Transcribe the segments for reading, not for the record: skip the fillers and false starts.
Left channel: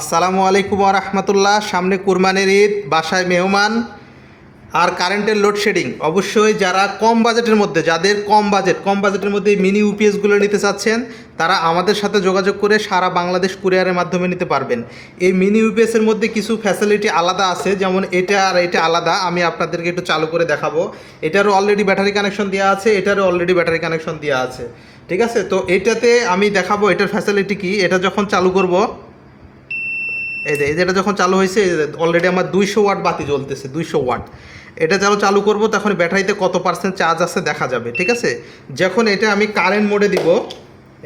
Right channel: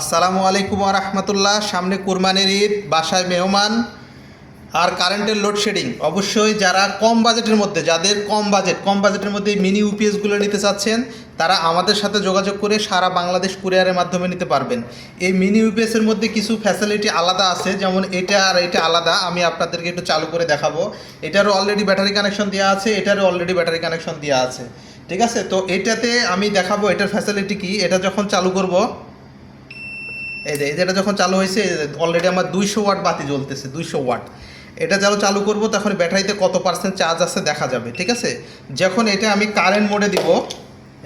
আসসালামু আলাইকুম রহমতুল্লাহ। সামনে কুরবানির ঈদ, বাসায় মেহমান আর কারেন্টের লোডশেডিং। অবশ্যই যারা কম বাজেটের মধ্যে, যাদের কম বাজেটের মধ্যে মিনি ইউপিএসগুলো নিতে চাচ্ছেন, তারা আমাদের সাথে যোগাযোগ করে সারা বাংলাদেশ কুরিয়ারের মাধ্যমে নিতে পারবেন। এই মিনি ইউপিএসের মধ্যে কিছু ফ্যাসিলিটি আলাদা আছে, যেমন এটা আর এটা আলাদা। আমি আপনাদেরকে একটু চালু করে দেখাবো। এটারও অলরেডি ব্যাটারি কানেকশন দেওয়া আছে, এটারও অলরেডি ব্যাটারি কানেকশন দেওয়া আছে। ঠিক আছে, তো এটাতে আমি দেখাবো এটার ফ্যাসিলিটি কি। এটা যখন চালু করব, এই যে এটা যখন চালু হয়েছে, অলরেডি আমার 200 ওয়াট বাতি জ্বলতেছে, 200 ওয়াট। এটা চালু করব, তখন ব্যাটারিতে কত পার্সেন্ট চার্জ আছে দেখা যাবে। ঠিক আছে, যখন এটা আমি কারেন্ট মোডে দিব,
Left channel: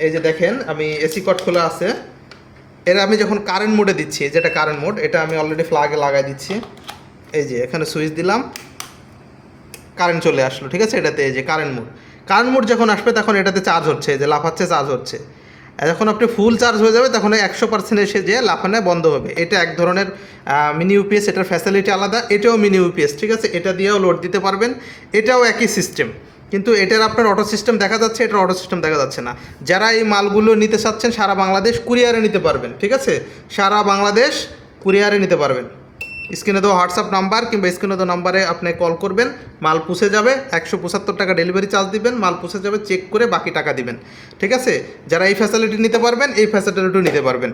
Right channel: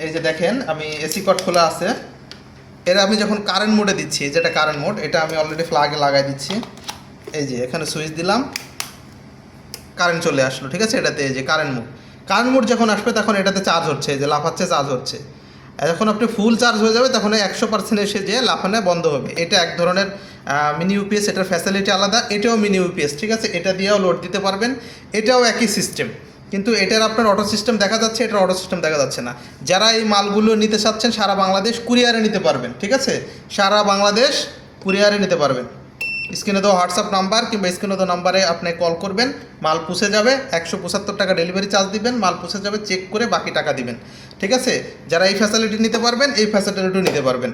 এই যে দেখেন আমি এসি কট খোলা আছে, এর আমি যখন কারেন্ট মোডে দিচ্ছি, যেটা কারেন্ট মোড, এটা আমি অলরেডি ফ্ল্যাগে লাগাই দিচ্ছি। এই যে এখানে সুইচ দিলাম, কারেন্ট চলে আসলো। ঠিক আছে, এটাতে এই যে কারেন্ট মোড যখন আসবে তখন এটাতে চার্জ হচ্ছে, এই যে লাফাচ্ছে, চার্জ হচ্ছে। যখন আপনি ফুল চার্জ হয়ে যাবে তখন 100% এসে যে লাফানো বন্ধ হবে। এটা এক ধরনের মিনি ইউপিএস, এটার ফ্যাসিলিটি আলাদা। এটাও মিনি ইউপিএস, ঠিক আছে, এটা দিয়েও লোড দিতে পারবেন। এটাও একই সিস্টেম, কিন্তু এটার আপনার অটো সিস্টেম দেখা যাচ্ছে, এটার অটো সিস্টেম দেখা যাচ্ছে না। যারা এই মালগুলো নিতে চাচ্ছেন সারা বাংলাদেশ কুরিয়ারে নিতে পারবেন। ঠিক আছে, সারা বাংলাদেশ কুরিয়ারে নিতে পারবেন। স্ক্রিনে দেওয়া হোয়াটসঅ্যাপ নাম্বার কিংবা স্ক্রিনে দেওয়া নাম্বারে আপনি কল করবেন, মাল পুষে যাবে। 175 টাকা ডেলিভারি চার্জ দিবেন, মাল পুষে যাবে, চেক করে বাকি টাকা দিবেন। ঠিক আছে, যারা এই ফ্যাসিলিটি নিতে পারবেন, এই ফ্যাসিলিটিও নিতে পারবেন।